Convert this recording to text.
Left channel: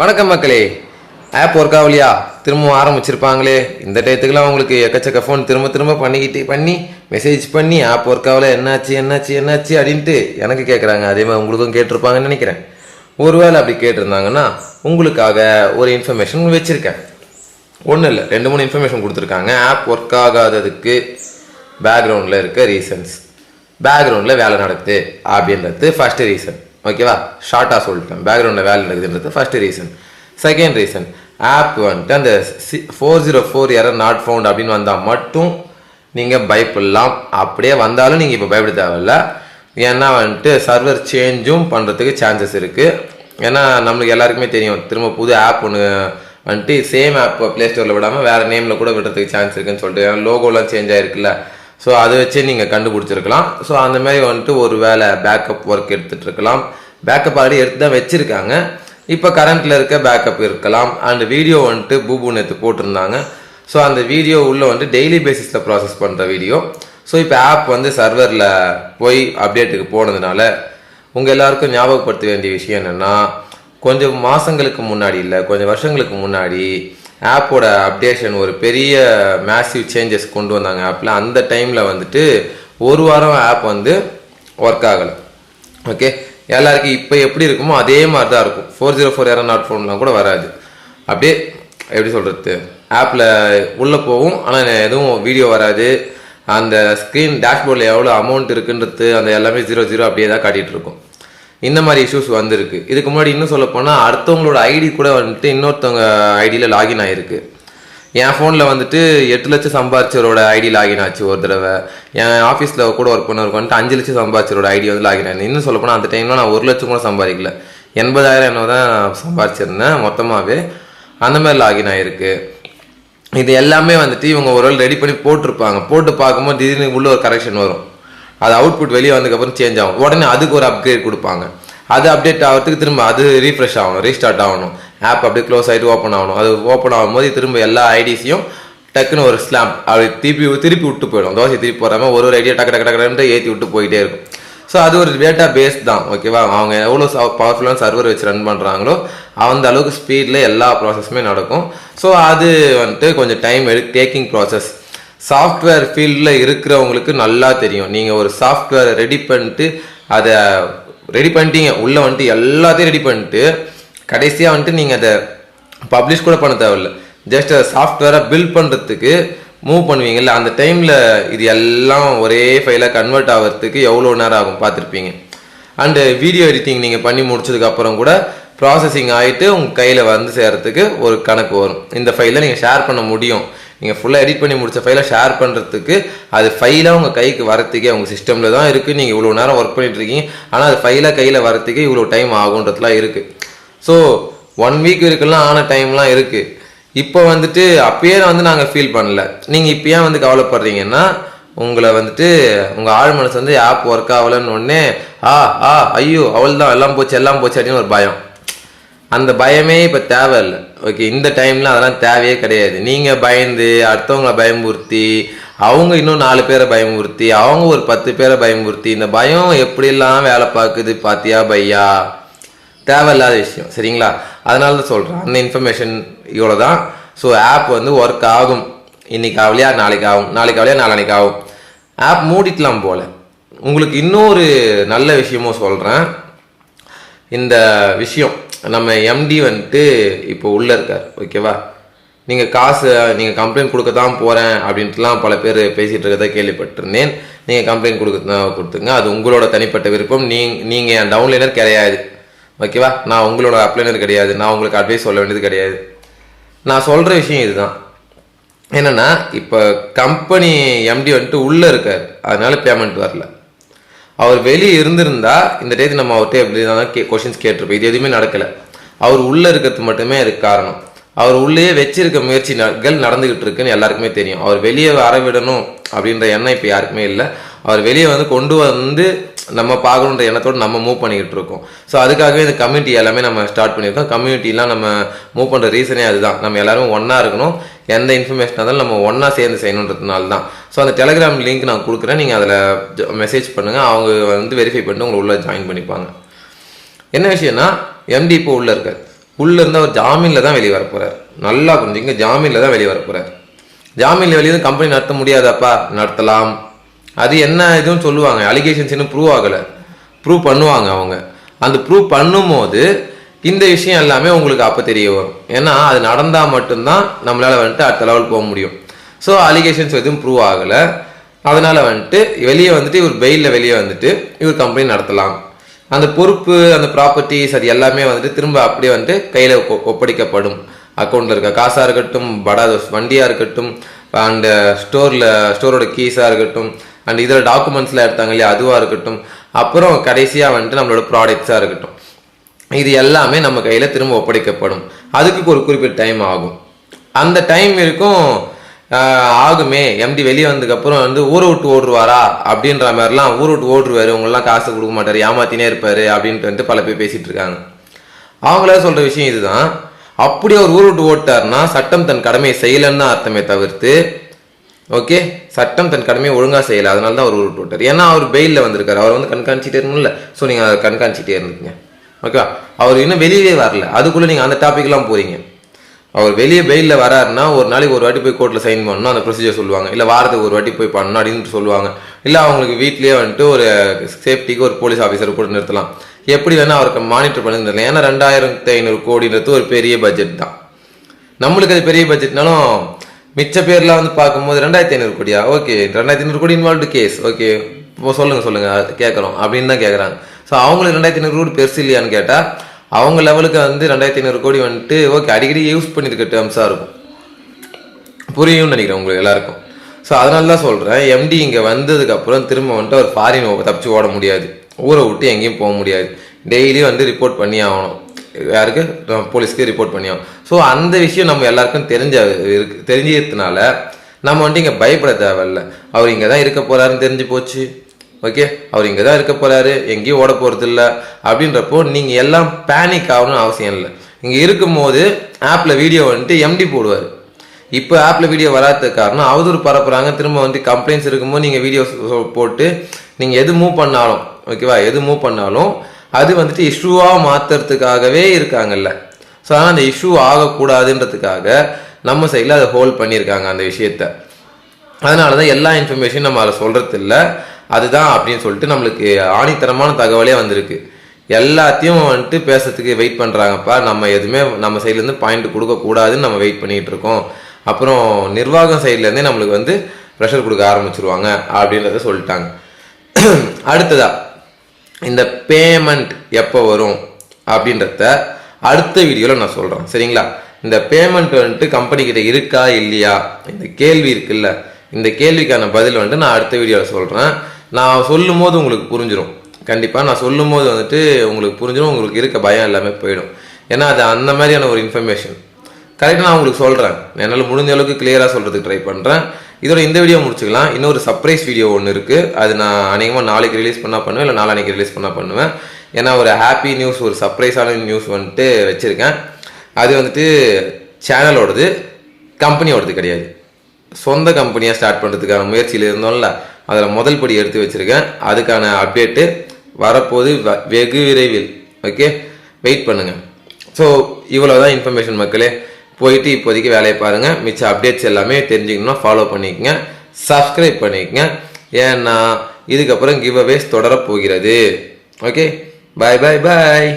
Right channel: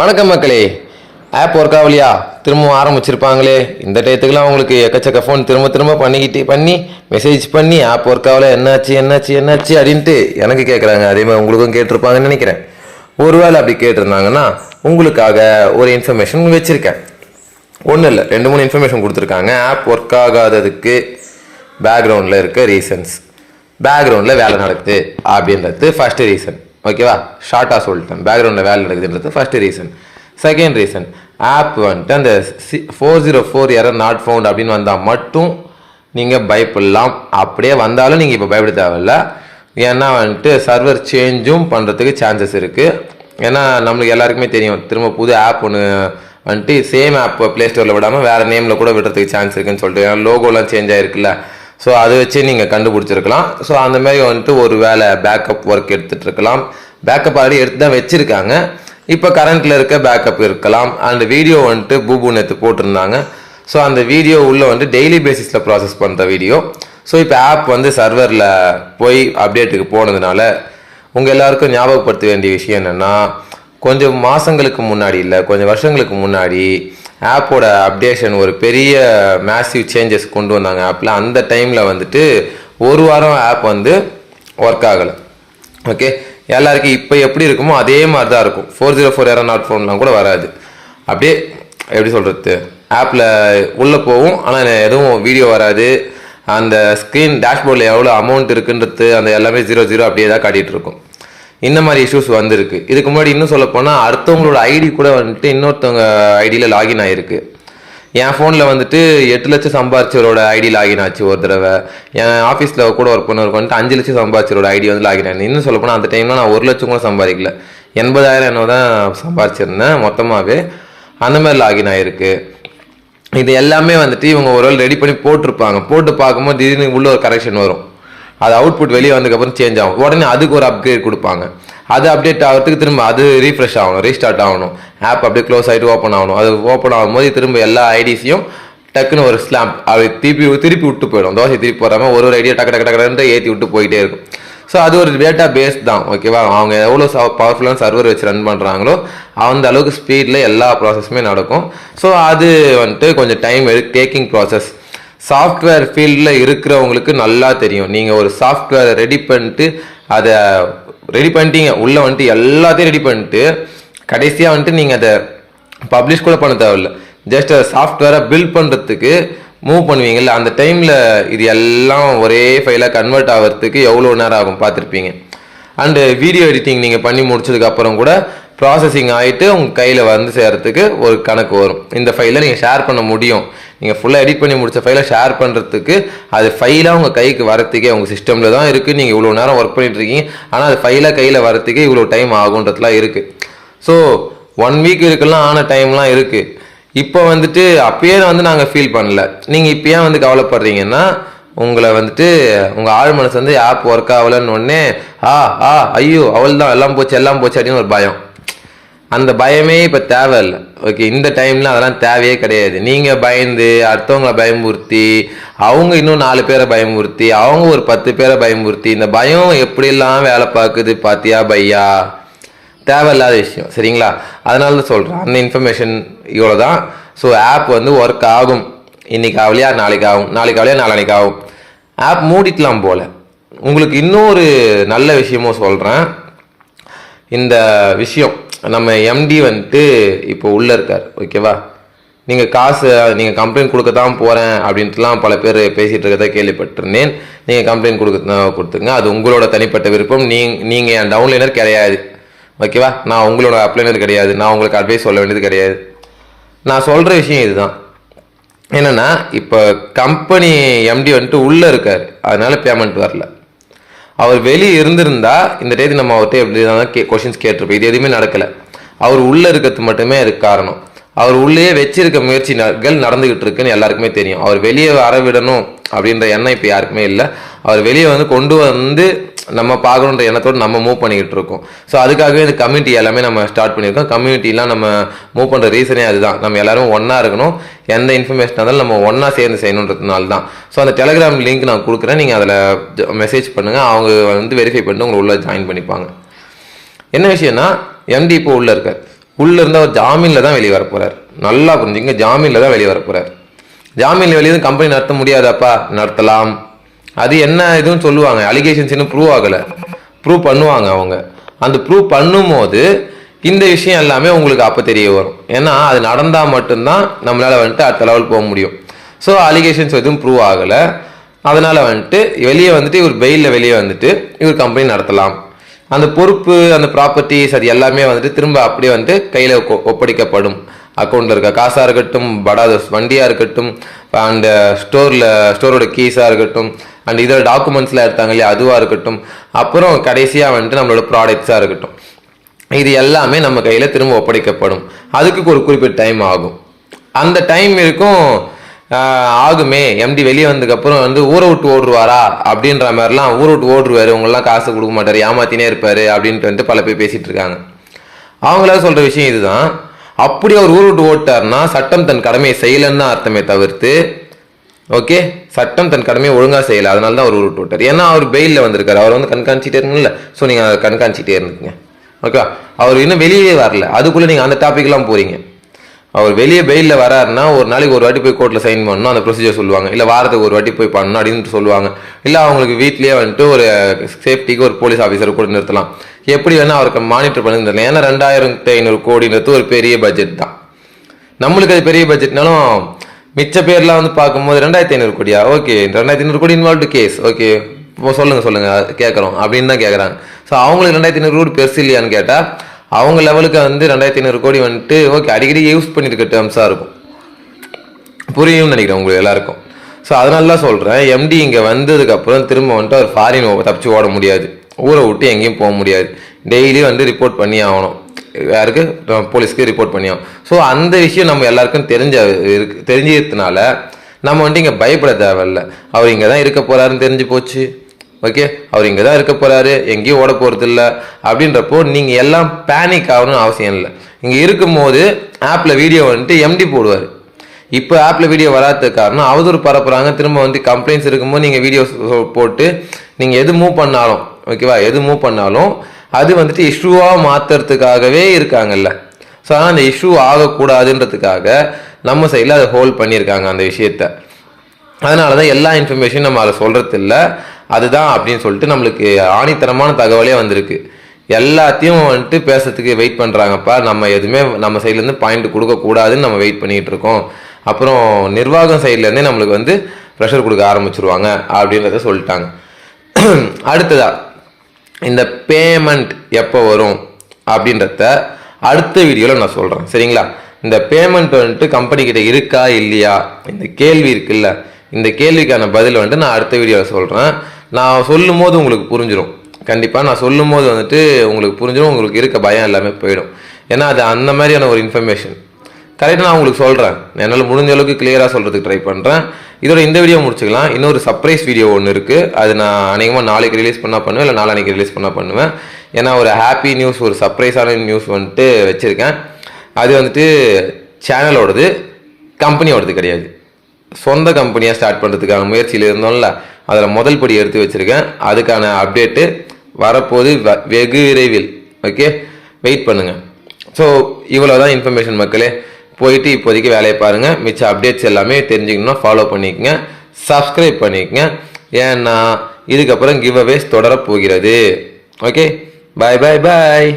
வணக்கம் மக்களே. App work ஆகலையா? திரும்ப ஆரம்பிச்சிருப்பாங்களே. இந்த டயத்துக்குலாம் உங்களுக்கு எக்கச்சக்க ஃபோன் திரும்ப திரும்ப பண்ணி மெசேஜ் பண்ணி ஆப் ஒர்க் ஆகல, என்னாச்சு அப்படின்ட்டு எனக்கு கேட்குறாங்க. அதே மாதிரி உங்களுக்கும் கேட்டிருப்பாங்கன்னு நினைக்கிறேன். ஒருவேளை அப்படி கேட்டிருந்தாங்கன்னா உங்களுக்காக ஒரு இன்ஃபர்மேஷன் வச்சுருக்கேன். ஒன்றும் இல்லை, 2-3 இன்ஃபர்மேஷன் கொடுத்துருக்காங்க. ஆப் ஒர்க் ஆகாததுக்கு பேக்ரவுண்டில் இருக்க ரீசன்ஸ், பேக்ரவுண்டில் வேலை நடக்குது அப்படின்றது ஃபஸ்ட்டு ரீசன். ஓகேவா? ஷார்ட்டாக சொல்லிட்டேன். பேக்ரவுண்டில் வேலை நடக்குதுன்றது first reason. Second reason, app வந்துட்டு அந்த 404 எரர் நாட் ஃபவுண்ட் அப்படின்னு வந்தால் மட்டும் நீங்கள் பயப்படலாம். அப்படியே வந்தாலும் நீங்கள் இப்போ பயப்பட தேவையில்ல. ஏன்னா வந்துட்டு சர்வர் சேஞ்சும் பண்ணுறதுக்கு சான்சஸ் இருக்குது. ஏன்னா நம்மளுக்கு எல்லாருக்குமே தெரியும், திரும்ப புது ஆப் ஒன்று வந்துட்டு சேம் ஆப் ப்ளே ஸ்டோரில் விடாமல் வேறு நேமில் கூட விடுறதுக்கு சான்ஸ் இருக்குன்னு சொல்லிட்டு, ஏன்னா லோகோலாம் சேஞ்ச் ஆகிருக்குல்ல. ஸோ அதை வச்சு நீங்கள் கண்டுபிடிச்சிருக்கலாம். ஸோ அந்த மாதிரி வந்துட்டு ஒரு வேலை பேக்கப் ஒர்க் எடுத்துகிட்டு இருக்கலாம். பேக்கப் ஆல்ரெடி எடுத்து தான் வச்சுருக்காங்க. இப்போ கரண்ட்டில் இருக்க பேக்கப் இருக்கலாம். அண்ட் வீடியோ வந்துட்டு பூபு நேற்று போட்டிருந்தாங்க. ஸோ அந்த வீடியோ உள்ளே வந்துட்டு டெய்லி பேசிஸில் ப்ராசஸ் பண்ணுற வீடியோ. ஸோ இப்போ ஆப் வந்து சர்வரில் போய் அப்டேட்டுக்கு போனதுனால உங்கள் எல்லாருக்கும் ஞாபகப்படுத்த வேண்டிய விஷயம் என்னென்னா, கொஞ்சம் மாதங்களுக்கு முன்னாடி இல்லை, கொஞ்சம் வருஷங்களுக்கு முன்னாடி ஆப்போட அப்டேஷன் ஒரு பெரிய மேசிவ் சேஞ்சஸ் கொண்டு வந்தாங்க ஆப்பில். அந்த டைமில் வந்துட்டு ஒரு வாரம் ஆப் வந்து ஒர்க் ஆகலை. ஓகே, எல்லாருக்கும் இப்போ எப்படி இருக்குமோ அதே மாதிரி தான் இருக்கும். 404 எரர் நாட் ஃபவுண்ட்லாம் கூட வராது. அப்படியே எப்படி சொல்கிறது, ஆப்பில் உள்ளே போகும், ஆனால் எதுவும் வீடியோ வராது. அந்த ஸ்க்ரீன் டேஷ்போர்டில் எவ்வளோ அமௌண்ட் இருக்குன்றது அந்த எல்லாமே 00 அப்படியே தான் காட்டிகிட்டு இருக்கும். இந்த மாதிரி இஷ்யூஸ் வந்திருக்கு. இதுக்கு முன்னாடி இன்னும் சொல்ல போனால் அடுத்தவங்களோட ஐடி கூட வந்துட்டு இன்னொருத்தவங்க ஐடியில் லாகின் ஆகிருக்கு. என் ஃபோனில் வந்துட்டு 8 லட்சம் சம்பாதிச்சவரோட ஐடி லாகின் ஆச்சு ஒரு தடவை. என் ஆஃபீஸில் கூட ஒர்க் பண்ணவருக்கு வந்துட்டு 5 லட்சம் சம்பாதிச்சவரோட ஐடி வந்து லாகின் ஆகி. இன்னும் சொல்ல போனால் அந்த டைமில் நான் 1 லட்சம் கூட சம்பாதிக்கல, 80,000 என்ன தான் சம்பாதிச்சிருந்தேன் மொத்தமாகவே. அந்த மாதிரி லாகின் ஆகிருக்கு. இது எல்லாமே வந்துட்டு இவங்க ஒரு வேளை ரெடி பண்ணி போட்டிருப்பாங்க. போட்டு பார்க்கும்போது திடீர்னு உள்ள ஒரு கரெக்ஷன் வரும். அது அவுட்புட் வெளியே வந்ததுக்கப்புறம் சேஞ்ச் ஆகும். உடனே அதுக்கு ஒரு அப்கிரேட் கொடுப்பாங்க. அது அப்டேட் ஆகிறதுக்கு திரும்ப அது ரீஃப்ரெஷ் ஆகணும், ரீஸ்டார்ட் ஆகணும். ஆப் அப்படியே க்ளோஸ் ஆகிட்டு ஓப்பன் ஆகணும். அது ஓப்பன் ஆகும்போது திரும்ப எல்லா ஐடிஸையும் டக்குன்னு ஒரு ஸ்லாம்ப் அப்படி திருப்பி விட்டு போயிடும். தோசை திருப்பி போடாமல் ஒரு ஐடியா டக்கு ஏற்றி விட்டு போயிட்டே இருக்கும். ஸோ அது ஒரு டேட்டா பேஸ் தான். ஓகேவா? அவங்க எவ்வளோ பவர்ஃபுல்லான சர்வர் வச்சு ரன் பண்ணுறாங்களோ அந்த அளவுக்கு ஸ்பீடில் எல்லா ப்ராசஸுமே நடக்கும். ஸோ அது வந்துட்டு கொஞ்சம் டைம் டேக்கிங் ப்ராசஸ். சாஃப்ட்வேர் ஃபீல்டில் இருக்கிறவங்களுக்கு நல்லா தெரியும். நீங்கள் ஒரு சாஃப்ட்வேரை ரெடி பண்ணிட்டு அதை ரெடி பண்ணிட்டீங்க, உள்ளே வந்துட்டு எல்லாத்தையும் ரெடி பண்ணிட்டு கடைசியாக வந்துட்டு நீங்கள் அதை பப்ளிஷ் கூட பண்ண தேவையில்லை. ஜஸ்ட் சாஃப்ட்வேரை பில்ட் பண்ணுறதுக்கு மூவ் பண்ணுவீங்கல்ல, அந்த டைமில் இது எல்லாம் ஒரே ஃபைலாக கன்வெர்ட் ஆகிறதுக்கு எவ்வளோ நேரம் ஆகும் பார்த்துருப்பீங்க. அண்டு வீடியோ எடிட்டிங் நீங்கள் பண்ணி முடிச்சதுக்கப்புறம் கூட ப்ராசஸிங் ஆகிட்டு உங்கள் கையில் வந்து சேர்கிறதுக்கு ஒரு கணக்கு வரும். இந்த ஃபைலை நீங்கள் ஷேர் பண்ண முடியும். நீங்கள் ஃபுல்லாக எடிட் பண்ணி முடிச்ச ஃபைலை ஷேர் பண்ணுறதுக்கு அது ஃபைலாக உங்கள் கைக்கு வரத்துக்கே உங்கள் சிஸ்டமில் தான் இருக்குது. நீங்கள் இவ்வளோ நேரம் ஒர்க் பண்ணிட்டு இருக்கீங்க, ஆனால் அது ஃபைலாக கையில் வரத்துக்கே இவ்வளோ டைம் ஆகுன்றதுலாம் இருக்குது. ஸோ 1 வீக் இருக்கலாம் ஆன டைம்லாம் இருக்குது. இப்போ வந்துட்டு அப்பயே வந்து நாங்கள் ஃபீல் பண்ணல. நீங்கள் இப்போ ஏன் வந்து கவலைப்படுறீங்கன்னா, உங்களை வந்துட்டு உங்கள் ஆழ் மனசு வந்து ஆப் ஒர்க் ஆகலன்னு ஒன்னே ஐயோ அவள் தான் எல்லாம் போச்சு அப்படின்னு ஒரு பயம். அந்த பயமே இப்போ தேவையில்லை. ஓகே, இந்த டைம்ல அதெல்லாம் தேவையே கிடையாது. நீங்கள் பயந்து அடுத்தவங்களை பயமுறுத்தி, அவங்க இன்னும் 4 பேரை பயமுறுத்தி, அவங்க ஒரு 10 பேரை பயமுறுத்தி, இந்த பயம் எப்படிலாம் வேலை பார்க்குது பாத்தியா பையா? தேவையில்லாத விஷயம். சரிங்களா? அதனால தான் சொல்கிறேன். அந்த இன்ஃபர்மேஷன் இவ்வளோ தான். ஸோ ஆப் வந்து ஒர்க் ஆகும். இன்னைக்கு ஆகலையா நாளைக்கு ஆகும், நாளைக்கு ஆகலையா நாளைக்கு ஆகும். ஆப் மூடிக்கலாம் போல. உங்களுக்கு இன்னொரு நல்ல விஷயமும் சொல்கிறேன். இந்த விஷயம் நம்ம எம்டி வந்துட்டு இப்போ உள்ளே இருக்கார். ஓகேவா? நீங்கள் காசு நீங்கள் கம்ப்ளைண்ட் கொடுக்க தான் போகிறேன் அப்படின்ட்டுலாம் பல பேர் பேசிகிட்டு இருக்கிறத கேள்விப்பட்டிருந்தேன். நீங்கள் கம்ப்ளைண்ட் கொடுத்துங்க, அது உங்களோட தனிப்பட்ட விருப்பம். நீங்கள் என் டவுன்லைனர் கிடையாது. ஓகேவா? நான் உங்களோட அப்ளைனர் கிடையாது. நான் உங்களுக்கு அட்வைஸ் சொல்ல வேண்டியது கிடையாது. நான் சொல்கிற விஷயம் இதுதான். என்னென்னா, இப்போ கம்பெனி எம்டி வந்துட்டு உள்ளே இருக்கார், அதனால பேமெண்ட் வரல. அவர் வெளியே இருந்திருந்தா இந்த டேட்டு நம்ம அவர்கிட்ட எப்படி தான் கொஸ்டின்ஸ் கேட்டிருப்போம். இது எதுவுமே நடக்கலை. அவர் உள்ளே இருக்கிறது மட்டுமே அதுக்கு காரணம். அவர் உள்ளே வச்சிருக்க முயற்சிகள் நடந்துகிட்டு இருக்குன்னு எல்லாருக்குமே தெரியும். அவர் வெளியே வர விடணும் அப்படின்ற எண்ணம் இப்போ யாருக்குமே இல்லை. அவர் வெளியே வந்து கொண்டு வந்து நம்ம பார்க்கணுன்ற எண்ணத்தோடு நம்ம மூவ் பண்ணிக்கிட்டு இருக்கோம். ஸோ அதுக்காகவே இந்த கம்யூனிட்டி எல்லாமே நம்ம ஸ்டார்ட் பண்ணியிருக்கோம். கம்யூனிட்டிலாம் நம்ம மூவ் பண்ணுற ரீசனே அதுதான். நம்ம எல்லாரும் ஒன்றா இருக்கணும். எந்த இன்ஃபர்மேஷன் இருந்தாலும் நம்ம ஒன்றா சேர்ந்து செய்யணுன்றதுனால தான். ஸோ அந்த டெலிகிராம் லிங்க் நான் கொடுக்குறேன். நீங்கள் அதில் மெசேஜ் பண்ணுங்கள். அவங்க வந்து வெரிஃபை பண்ணிட்டு உங்களை உள்ளே ஜாயின் பண்ணிப்பாங்க. என்ன விஷயம்னா, எம்டி இப்போ உள்ளே இருக்கார். உள்ள இருந்த ஒரு ஜாமீன்ல தான் வெளியே வர போறாரு. நல்லா புரிஞ்சுங்க, ஜாமீன்ல தான் வெளியே வர போறாரு. ஜாமீன்ல வெளியே கம்பெனி நடத்த முடியாதாப்பா? நடத்தலாம். அது என்ன இதுன்னு சொல்லுவாங்க, அலிகேஷன்ஸ் இன்னும் ப்ரூவ் ஆகலை, ப்ரூவ் பண்ணுவாங்க அவங்க. அந்த ப்ரூவ் பண்ணும்போது இந்த விஷயம் எல்லாமே உங்களுக்கு அப்போ தெரிய வரும். ஏன்னா அது நடந்தால் மட்டும்தான் நம்மளால் வந்துட்டு அடுத்த லெவல் போக முடியும். ஸோ அலிகேஷன்ஸ் எதுவும் ப்ரூவ் ஆகலை, அதனால் வந்துட்டு வெளியே வந்துட்டு இவர் பெயிலில் வெளியே வந்துட்டு இவர் கம்பெனி நடத்தலாம். அந்த பொறுப்பு, அந்த ப்ராப்பர்ட்டிஸ், அது எல்லாமே வந்துட்டு திரும்ப அப்படியே வந்துட்டு கையில் ஒப்படைக்கப்படும். அக்கௌண்ட்டில் இருக்க காசாக இருக்கட்டும், வண்டியாக இருக்கட்டும், அந்த ஸ்டோரோட கீஸாக இருக்கட்டும், அண்ட் இதில் டாக்குமெண்ட்ஸ்லாம் எடுத்தாங்க இல்லையா அதுவாக இருக்கட்டும், அப்புறம் கடைசியாக வந்துட்டு நம்மளோட ப்ராடக்ட்ஸாக இருக்கட்டும், இது எல்லாமே நம்ம கையில் திரும்ப ஒப்படைக்கப்படும். அதுக்கு ஒரு குறிப்பிட்ட டைம் ஆகும். அந்த டைம் இருக்கும் ஆகுமே. எம்டி வெளியே வந்ததுக்கப்புறம் வந்து ஊரை விட்டு ஓடுருவாரா அப்படின்ற மாதிரிலாம், ஊரை விட்டு ஓடுருவாரு, உங்களெலாம் காசு கொடுக்க மாட்டார், ஏமாத்தினே இருப்பாரு அப்படின்ட்டு வந்து பல பேர் பேசிட்டு இருக்காங்க. அவங்கள சொல்ற விஷயம் இதுதான். அப்படி அவர் ஊர் விட்டு ஓட்டாருன்னா சட்டம் தன் கடமையை செய்யலன்னு அர்த்தமே தவிர்த்து, ஓகே, சட்டம் தன் கடமையை ஒழுங்கா செய்யல, அதனால தான் அவர் ஊர் விட்டு ஓட்டார். ஏன்னா அவர் பெயிலில் வந்திருக்காரு, அவர் வந்து கண்காணிச்சிட்டே இருக்கணும்ல. ஸோ நீங்க அதை கண்காணிச்சிட்டே இருந்தீங்க. ஓகேவா? அவர் இன்னும் வெளியே வரல, அதுக்குள்ள நீங்க அந்த டாபிக்லாம் போறீங்க. அவர் வெளியே பெயிலில் வராருன்னா ஒரு நாளைக்கு ஒரு வாட்டி போய் கோர்ட்டில் சைன் பண்ணணும், அந்த ப்ரொசீஜர் சொல்லுவாங்க. இல்லை வாரத்துக்கு ஒரு வாட்டி போய் பண்ணணும் அப்படின்னு சொல்லுவாங்க. இல்லை அவங்களுக்கு வீட்லேயே வந்துட்டு ஒரு சேஃப்டிக்கு ஒரு போலீஸ் ஆஃபீஸர் கூட நிறுத்தலாம். எப்படி வேணால் அவருக்கு மானிட்டர் பண்ணி. ஏன்னா 2500 கோடின்றது ஒரு பெரிய பட்ஜெட் தான். நம்மளுக்கு அது பெரிய பட்ஜெட்னாலும் மிச்ச பேர்லாம் வந்து பார்க்கும்போது 2500 கோடியா, ஓகே 2500 கோடி இன்வால்வ்டு கேஸ், ஓகே இப்போ சொல்லுங்க கேட்குறோம் அப்படின்னு தான் கேட்குறாங்க. ஸோ அவங்களுக்கு 2500 கோடி பெருசு இல்லையான்னு கேட்டால் அவங்க லெவலுக்கு வந்து 2500 கோடி வந்துட்டு ஓகே அடிக்கடி யூஸ் பண்ணியிருக்க டேர்ம்ஸாக இருக்கும். புரியும்னு நினைக்கிறேன் உங்களுக்கு எல்லாருக்கும். ஸோ அதனால தான் சொல்கிறேன், எம்டி இங்கே வந்ததுக்கப்புறம் திரும்ப வந்துட்டு அவர் ஃபாரின் தப்பிச்சு ஓட முடியாது, ஊரை விட்டு எங்கேயும் போக முடியாது. டெய்லி வந்து ரிப்போர்ட் பண்ணி ஆகணும். யாருக்கு? போலீஸ்க்கு ரிப்போர்ட் பண்ணி ஆகணும். ஸோ அந்த விஷயம் நம்ம எல்லாருக்கும் தெரிஞ்சதுனால நம்ம வந்துட்டு இங்கே பயப்பட தேவையில்ல. அவர் இங்கே தான் இருக்க போகிறாருன்னு தெரிஞ்சு போச்சு. ஓகே, அவர் இங்கே தான் இருக்க போகிறாரு, எங்கேயும் ஓட போகிறது இல்லை அப்படின்றப்போ நீங்கள் எல்லாம் பேனிக் ஆகணும்னு அவசியம் இல்லை. இங்கே இருக்கும்போது ஆப்பில் வீடியோ வந்துட்டு எம்டி போடுவார். இப்போ ஆப்பில் வீடியோ வராத காரணம் அவதூறு பரப்புறாங்க. திரும்ப வந்து கம்ப்ளைண்ட்ஸ் இருக்கும்போது நீங்கள் வீடியோ போட்டு நீங்கள் எது மூவ் பண்ணாலும், ஓகேவா, எது மூவ் பண்ணாலும் அது வந்துட்டு இஷ்யூவாக மாற்றுறதுக்காகவே இருக்காங்கல்ல. ஸோ ஆனால் அந்த இஷ்யூ ஆகக்கூடாதுன்றதுக்காக நம்ம சைடில் அதை ஹோல்ட் பண்ணியிருக்காங்க அந்த விஷயத்த. அதனால தான் எல்லா இன்ஃபர்மேஷனும் நம்ம அதை சொல்கிறது இல்லை, அதுதான் அப்படின்னு சொல்லிட்டு நம்மளுக்கு ஆணித்தரமான தகவலே வந்திருக்கு. எல்லாத்தையும் வந்துட்டு பேசுறதுக்கு வெயிட் பண்ணுறாங்கப்பா. நம்ம எதுவுமே நம்ம சைட்லேருந்து பாயிண்ட் கொடுக்கக்கூடாதுன்னு நம்ம வெயிட் பண்ணிகிட்டு இருக்கோம். அப்புறம் நிர்வாகம் சைட்லேருந்தே நம்மளுக்கு வந்து ப்ரெஷர் கொடுக்க ஆரம்பிச்சிருவாங்க அப்படின்றத சொல்லிட்டாங்க. அடுத்ததா இந்த பேமெண்ட் எப்போ வரும் அப்படின்றத அடுத்த வீடியோவில் நான் சொல்கிறேன், சரிங்களா? இந்த பேமெண்ட் வந்துட்டு கம்பெனி கிட்ட இருக்கா இல்லையா, இந்த கேள்வி இருக்குல்ல, இந்த கேள்விக்கான பதில் வந்துட்டு நான் அடுத்த வீடியோவில் சொல்கிறேன். நான் சொல்லும் போது உங்களுக்கு புரிஞ்சிடும். கண்டிப்பாக நான் சொல்லும் போது வந்துட்டு உங்களுக்கு புரிஞ்சிடும், உங்களுக்கு இருக்க பயம் எல்லாமே போயிடும். ஏன்னா அது அந்த மாதிரியான ஒரு இன்ஃபர்மேஷன் கரெக்டாக நான் உங்களுக்கு சொல்கிறேன். என்னால் முடிஞ்ச அளவுக்கு கிளியராக சொல்கிறதுக்கு ட்ரை பண்ணுறேன். இதோட இந்த வீடியோ முடிச்சுக்கலாம். இன்னொரு சர்ப்ரைஸ் வீடியோ ஒன்று இருக்குது, அது நான் அநேகமாக நாளைக்கு ரிலீஸ் பண்ணால் பண்ணுவேன், இல்லை நாளைக்கு ரிலீஸ் பண்ணால் பண்ணுவேன். ஏன்னா ஒரு ஹாப்பி நியூஸ், ஒரு சர்ப்ரைஸான நியூஸ் வந்துட்டு வச்சுருக்கேன். அது வந்துட்டு சேனலோடது, கம்பெனியோடது கிடையாது. சொந்த கம்பெனியாக ஸ்டார்ட் பண்ணுறதுக்கான முயற்சியில் இருந்தோம்ல, அதில் முதல் படி எடுத்து வச்சுருக்கேன். அதுக்கான அப்டேட்டு வரப்போது வெகு விரைவில். ஓகே, வெயிட் பண்ணுங்கள். ஸோ இவ்வளோதான் இன்ஃபர்மேஷன் மக்களே. போயிட்டு இப்போதைக்கு வேலையை பாருங்கள். மிச்ச அப்டேட்ஸ் எல்லாமே தெரிஞ்சுக்கணும்னா ஃபாலோ பண்ணிக்கங்க, சப்ஸ்கிரைப் பண்ணிக்கங்க. ஏன்னா இதுக்கப்புறம் கிவ் அவேஸ் தொடரப்போகிறது. ஓகே, பாய் பாய் பாய்.